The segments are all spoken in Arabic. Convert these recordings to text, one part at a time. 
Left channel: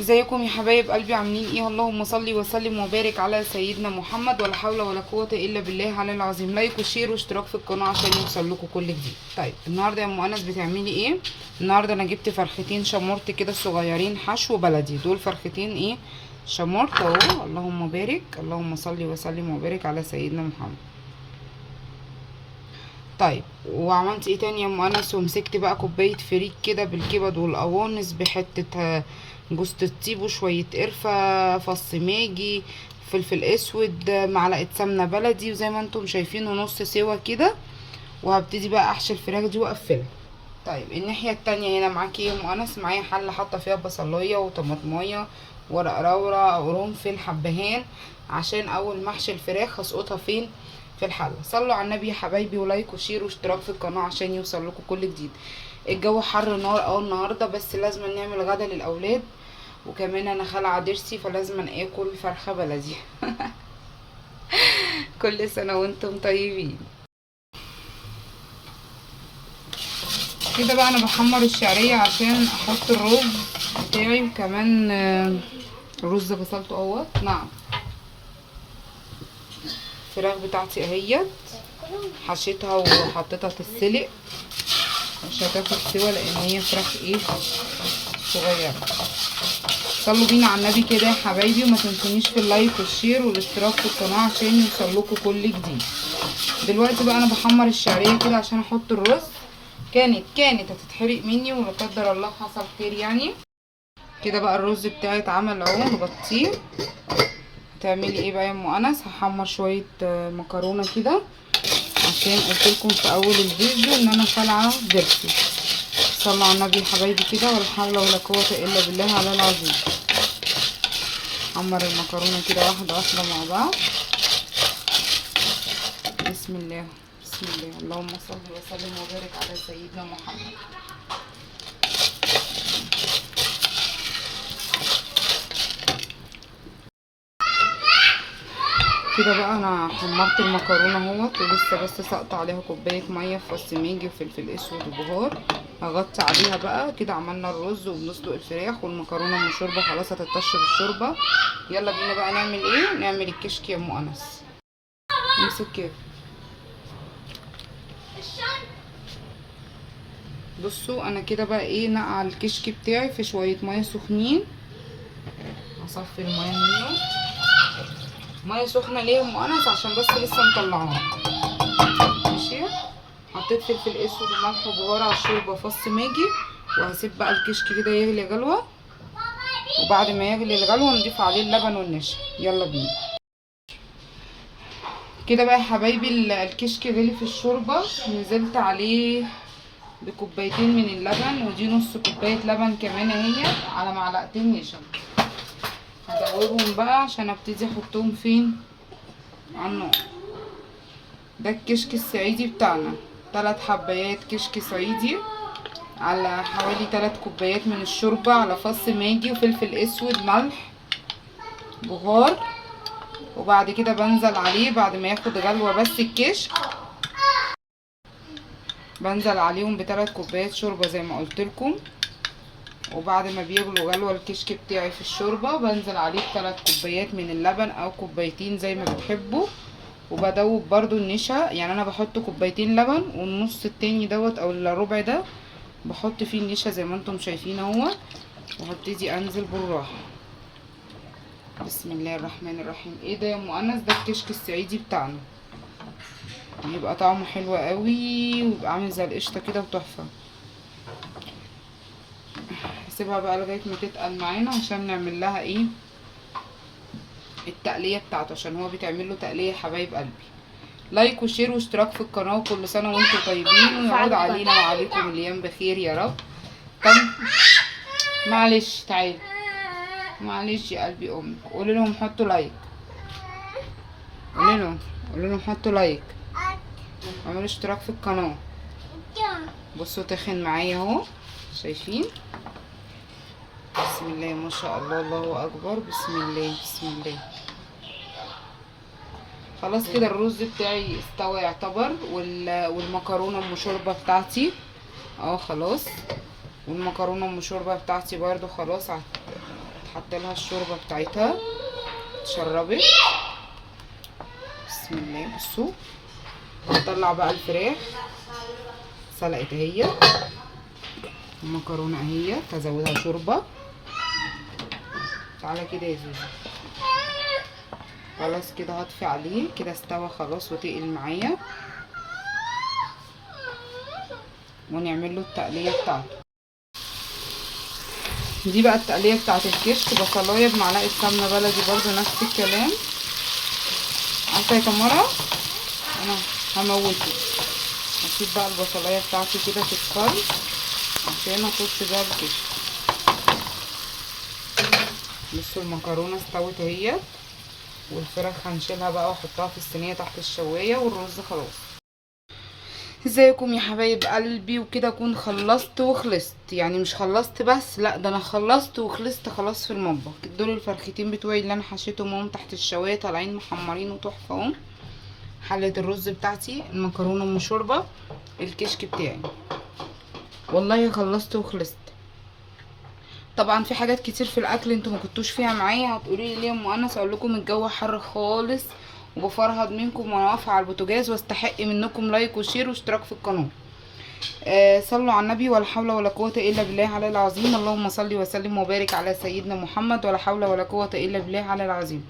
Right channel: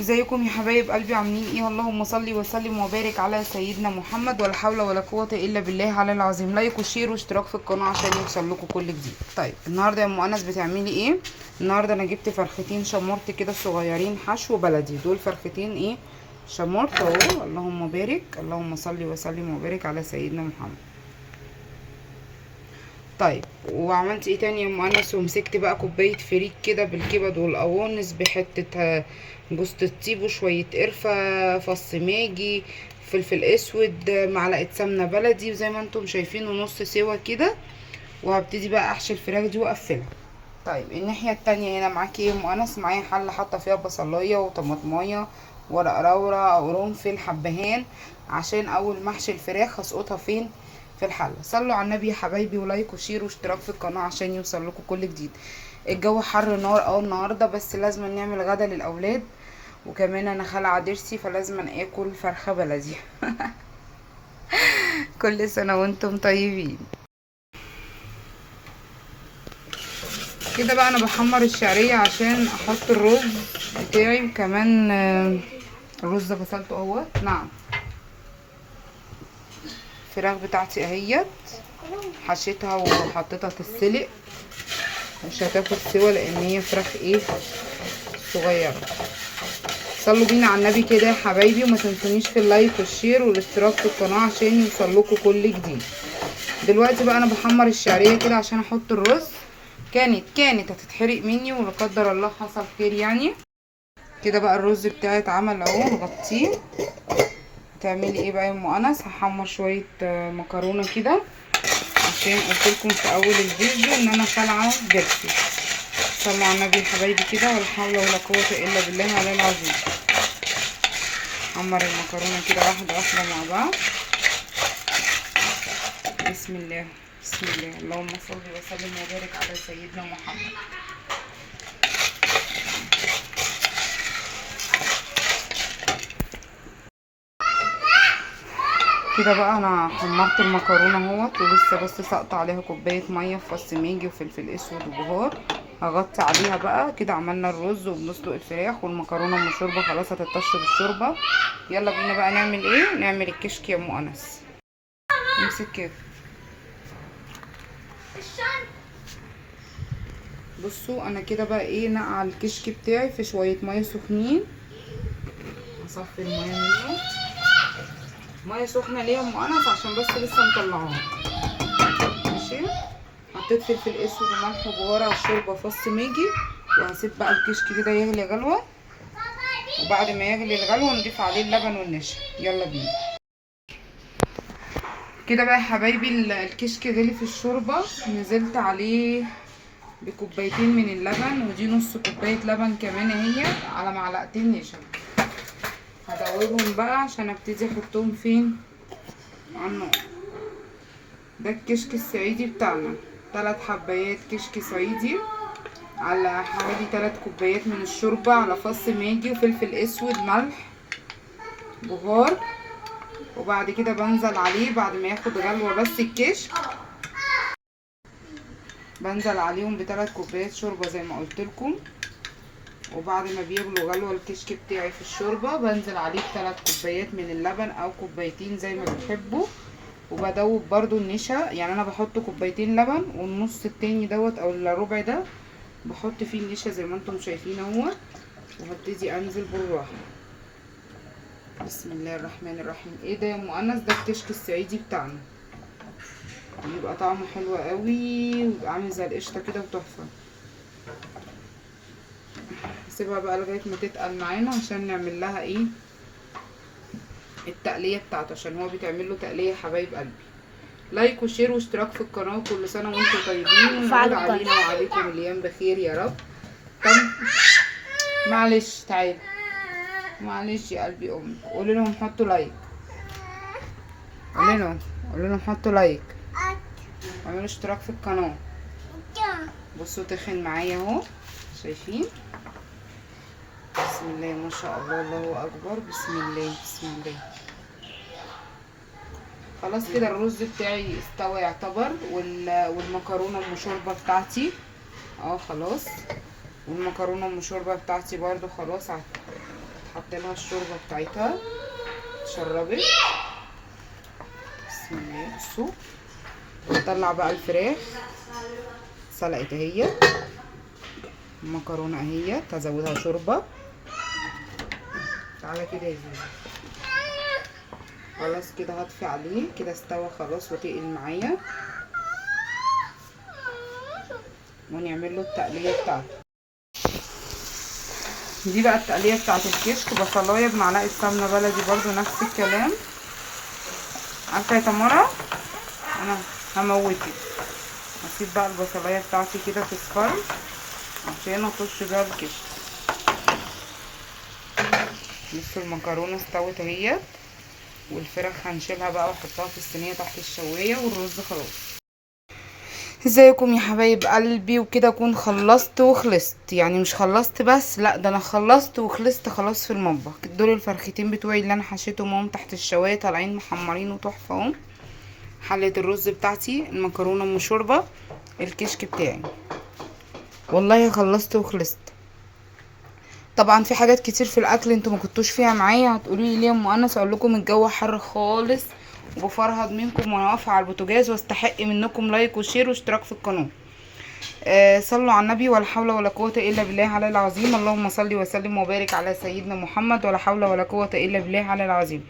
ازيكم يا حبايب قلبي؟ عاملين ايه؟ اللهم صل وسلم وبارك على سيدنا محمد، ولا حول ولا قوه الا بالله على العظيم. لايك وشير واشتراك في القناه عشان يوصل لكم كل جديد. طيب النهارده يا ام انس بتعملي ايه؟ النهارده انا جبت فرختين شمورت كده صغيرين حشو بلدي. دول فرختين ايه؟ شمورت اهو. اللهم بارك، اللهم صل وسلم وبارك على سيدنا محمد. طيب وعملت ايه تاني يا ام انس؟ ومسكت بقى كوبايه فريك كده بالكبد والقوانص بحته جوز الطيب وشويه قرفه، فص ماجي، فلفل اسود، معلقه سمنه بلدي، وزي ما انتم شايفين نص سوا كده. وهبتدي بقى احشي الفراخ دي واقفلها. طيب الناحيه التانية هنا معاكي ايه يا ام انس؟ معايا حله حاطه فيها بصلايه وطماطمايه، ورق لورا، قرنفل، حبهان، عشان اول ما احشي الفراخ هسقطها فين؟ في الحله. صلوا على النبي يا حبايبي، ولايك وشير واشتراك في القناه عشان يوصل لكم كل جديد. الجو حر نار النهارده، بس لازم نعمل غدا للاولاد، وكمان انا خالعه ضرسي فلازم اكل فرخه بلدي. كل سنه وانتم طيبين. كده بقى انا بحمر الشعريه عشان احط الرز بتاعي، وكمان الرز غسلته اهوت. نعم، الفراخ بتاعتي اهيت حشيتها وحطيتها تتسلق، مش هتاخد سوا لان هي فراخ ايه، صغيره. صلوا بينا على النبي كده يا حبايبي، وما تنسونيش في اللايك والشير والاشتراك في القناه عشان يوصل لكم كل جديد. دلوقتي بقى انا بحمر الشعريه كده عشان احط الرز. كانت هتتحرق مني، ولا قدر الله حصل خير يعني. كده بقى الرز بتاعي اتعمل اهو، نغطيه. هتعملي ايه بقى يا ام انس؟ هحمر شويه مكرونه كده، عشان قلتلكم في اول الفيديو ان انا خالعه ضرسي. صلوا على النبي يا حبايبي كده، ولا حول ولا قوه الا بالله على العظيم. حمر المكرونه كده واحده واحده مع بعض. بسم الله بسم الله، اللهم صل وسلم وبارك على سيدنا محمد. كده بقى انا حمرت المكرونه اهوت، ولسه بس سقط عليها كوبايه ميه بفص ماجي وفلفل اسود وبهار. هغطي عليها بقى كده. عملنا الرز وبنسلق الفراخ، والمكرونه ام شوربه خلاص هتتطش بالشوربه. يلا بينا بقى نعمل ايه؟ نعمل الكشك يا ام انس. امسك كده. بصوا انا كده بقى ايه، نقع الكشك بتاعي في شويه ميه سخنين. هصفي الميه منه. ميه سخنه ليه يا ام انس؟ عشان بس لسه مطلعاها. ماشي. حطيت فلفل اسود وملح وبهار على الشوربه فص ماجي، وهسيب بقى الكشك كده يغلي غلوه. وبعد ما يغلي الغلوه نضيف عليه اللبن والنشا. يلا بينا. كده بقى يا حبايبي الكشك غلي في الشوربه. نزلت عليه بكوبايتين من اللبن، ودي نص كوبايه لبن كمان اهي، على معلقتين نشا. هدوبهم بقى عشان ابتدي احطهم فين؟ على النار. ده الكشك الصعيدي بتاعنا. 3 حبايات كشك صعيدي، على حوالي 3 كوبايات من الشوربة، على فص ماجي وفلفل اسود، ملح، بهار. وبعد كده بنزل عليه بعد ما ياخد غلوة بس الكشك، بنزل عليهم ب3 كوبايات شوربة زي ما قلتلكم. وبعد ما بيغلوا غلوة الكشك بتاعي في الشوربة، بنزل عليه ب3 كوبايات من اللبن او كوبايتين زي ما بتحبوا. وبدوب برضو النشا، يعني انا بحط كوبايتين لبن، والنص التاني دوت او الربع ده بحط فيه النشا زي ما انتم شايفين اهو. وهبتدي انزل بالراحه. بسم الله الرحمن الرحيم. ايه ده يا ام انس؟ ده الكشك الصعيدي بتاعنا، بيبقى طعمه حلو قوي، ويبقى عامل زي القشطه كده وتحفه. هسيبها بقى لغايه ما تتقل معانا عشان نعمل لها ايه، التقليه بتاعته، عشان هو بيتعمل له تقليه يا حبايب قلبي. لايك وشير واشتراك في القناه، وكل سنه وانتم طيبين، ويعود علينا وعليكم الايام بخير يا رب. طب معلش تعالي، معلش يا قلبي امك. قولي لهم حطوا لايك، قولي لهم حطوا لايك، واعملوا اشتراك في القناه. بصوا تخن معايا اهو، شايفين؟ بسم الله ما شاء الله، الله اكبر. بسم الله بسم الله. خلاص كده الرز بتاعي استوى يعتبر، والمكرونه ام شوربه بتاعتي خلاص. والمكرونه ام شوربه بتاعتي برضو خلاص حط لها الشوربه بتاعتها اتشربت. بسم الله. بصوا هنطلع بقى الفراخ سلقت اهي، المكرونه اهي هزودها شوربه. تعالى كده يا زوزو. خلاص كده هطفي عليه كده، استوى خلاص وتقل معايا، ونعمل له التقليه بتاعته. دي بقى التقليه بتاعت الكشك، بصلايه بمعلقه سمنه بلدي برضو نفس الكلام. عارفه يا تمارا انا هموتك. هسيب بقى البصلايه بتاعتي كده تصفر عشان اخش بيها الكشك. بصوا المكرونه استوت اهيت، والفراخ هنشيلها بقى واحطها في الصينيه تحت الشوايه، والرز خلاص. ازيكم يا حبايب قلبي؟ وكده اكون خلصت وخلصت، يعني مش خلصت بس، لا ده انا خلصت وخلصت خلاص في المطبخ. دول الفرختين بتوعي اللي انا حشيتهم اهم تحت الشوايه طالعين محمرين وتحفه اهم. حله الرز بتاعتي، المكرونه ام شوربه، الكشك بتاعي، والله خلصت وخلصت. طبعا في حاجات كتير في الاكل انتوا ما كنتوش فيها معايا، هتقولوا لي ليه يا ام انس؟ اقول لكم الجو حر خالص، وبفرهد منكم وانا واقفه على البوتاجاز، واستحق منكم لايك وشير واشتراك في القناه. صلوا على النبي. ولا حول ولا قوه الا بالله على العظيم. اللهم صل وسلم وبارك على سيدنا محمد. ولا حول ولا قوه الا بالله على العظيم.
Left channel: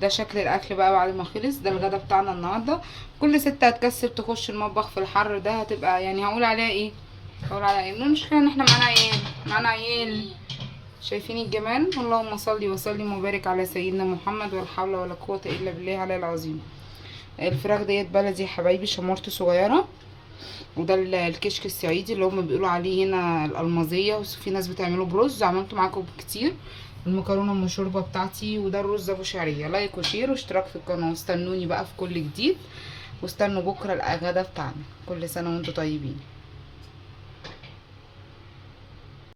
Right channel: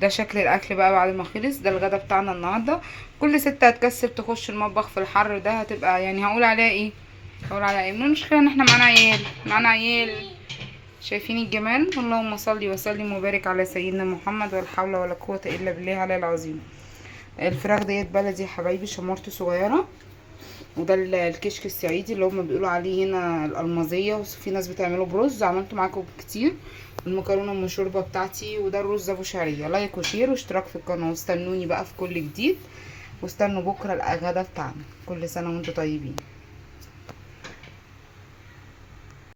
ده شكل الاكل بقى بعد ما خلص. ده الغدا بتاعنا النهارده. كل ست هتكسب تخش المطبخ في الحر ده هتبقى يعني هقول عليها ايه؟ هقول عليها ايه؟ المشكله ان احنا معانا عيال. شايفين الجمال؟ اللهم صل وسلم وبارك على سيدنا محمد. ولا حول ولا قوه الا بالله على العظيم. الفراخ ديت بلدي يا حبايبي، شمورت صغيره. وده الكشك الصعيدي اللي هم بيقولوا عليه هنا الالمازيه، وفي ناس بتعمله برز، عملته معاكم كتير. المكرونه ام الشوربه بتاعتي، وده الرز ابو شعريه. لايك وشير واشتراك في القناه، واستنوني بقى في كل جديد، واستنوا بكره الغدا بتاعنا. كل سنه وانتم طيبين.